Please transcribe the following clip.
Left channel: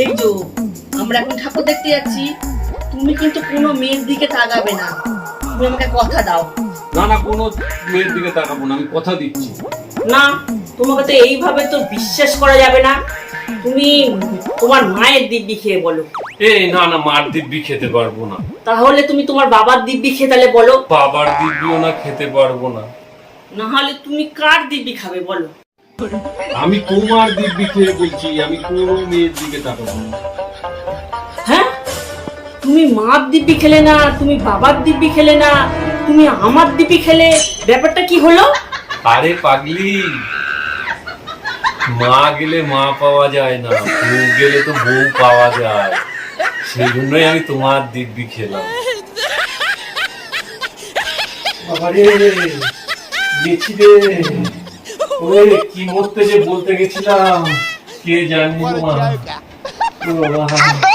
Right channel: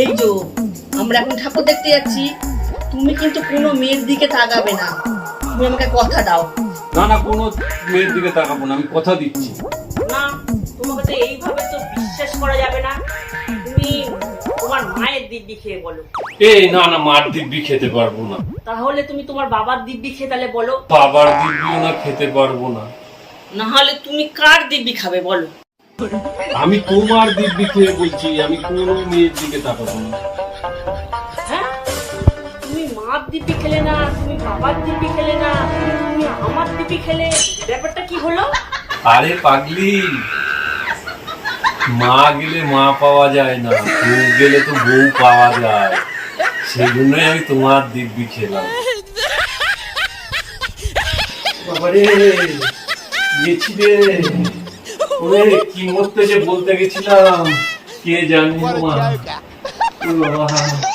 এই যে আমরা এখন ঠাকুর দেখতে যাচ্ছি, তুমি কিন্তু কোনো মেয়ের দিকে তাকাবে না। তুমি আমাকে কথা দাও। না না, কোনো মেয়ের দিকে তাকাবো না, আমি কথা দিচ্ছি। না, তোমাকে তো এইভাবে তো বিশ্বাস করা যাবে না। তুমি তোমার মায়ের দিব্যি খেয়ে বলো। এই না না, মার দিব্যি খেতে পারবো না। তাহলে তুমি তোমার বাবার দিব্যি খেয়ে তাহলে বলো। বাবার দিব্যিও না, খেতে পারবো না। না হলে তুমি কার দিব্যি খাবে বলো? আমি তোমার দিব্যি খেয়ে বলছি, আমি কোনো মেয়ের দিকে তাকাবো না। হ্যাঁ, তুমি মার দিব্যি খেলে না, তুমি বাবার দিব্যি খেলে না, তুমি আমার দিব্যি খেলে, ব্যাপারটা কি হলো? আরে পাগলি, মা গেলে মা পাওয়া যায় না, বউ গেলে তো বউ পাওয়া যায়। সেই জন্যই আমি তোমার দিব্যি খেলাম। বাবারে, গেছি রে। ওরে কি মরতে যে বলতে গেছিলাম, কে জানি মা। ও বাবা।